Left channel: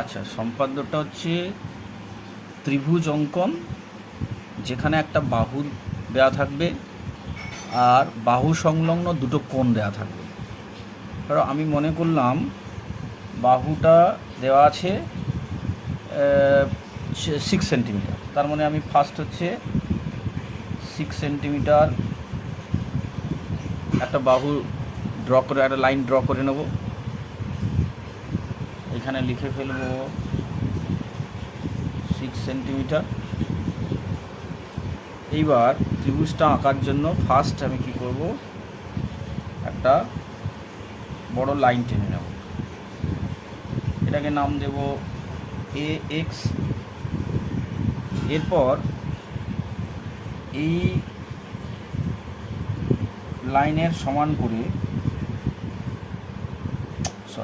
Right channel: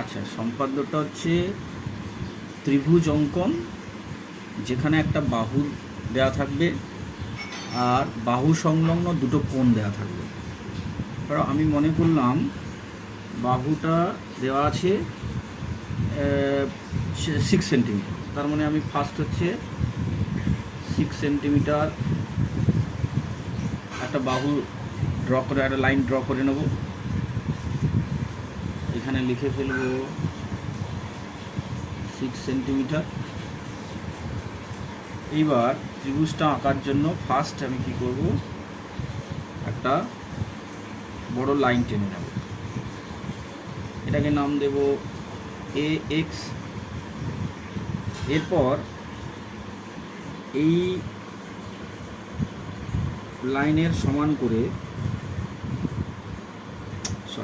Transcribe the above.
আচ্ছা, সম্পাদ্যটা হচ্ছে ত্রিভুজ অঙ্কন, যেখানে একটা বাহু দেওয়া থাকবে আর বাহু সংলগ্ন দুটো কোণ দেওয়া থাকবে। কারণ আমি মনে করলাম বাহুটা দেওয়া আছে 6 সেন্টিমিটার, তার মানে আমি ফার্স্ট হচ্ছে 6 সেন্টিমিটার একটা বাহু ড্র করে, একটা লাইন ড্র করে নেব। এখানে লিখে ফেলব 6 সেন্টিমিটার। এইবার ত্রিভুজটা আঁকার জন্য ফার্স্ট আমি কি করব, একটা বড় লাইন টেনে নেব। এটাকে নাম দেব এ এক্স। এরপর এই লাইনের সমান করে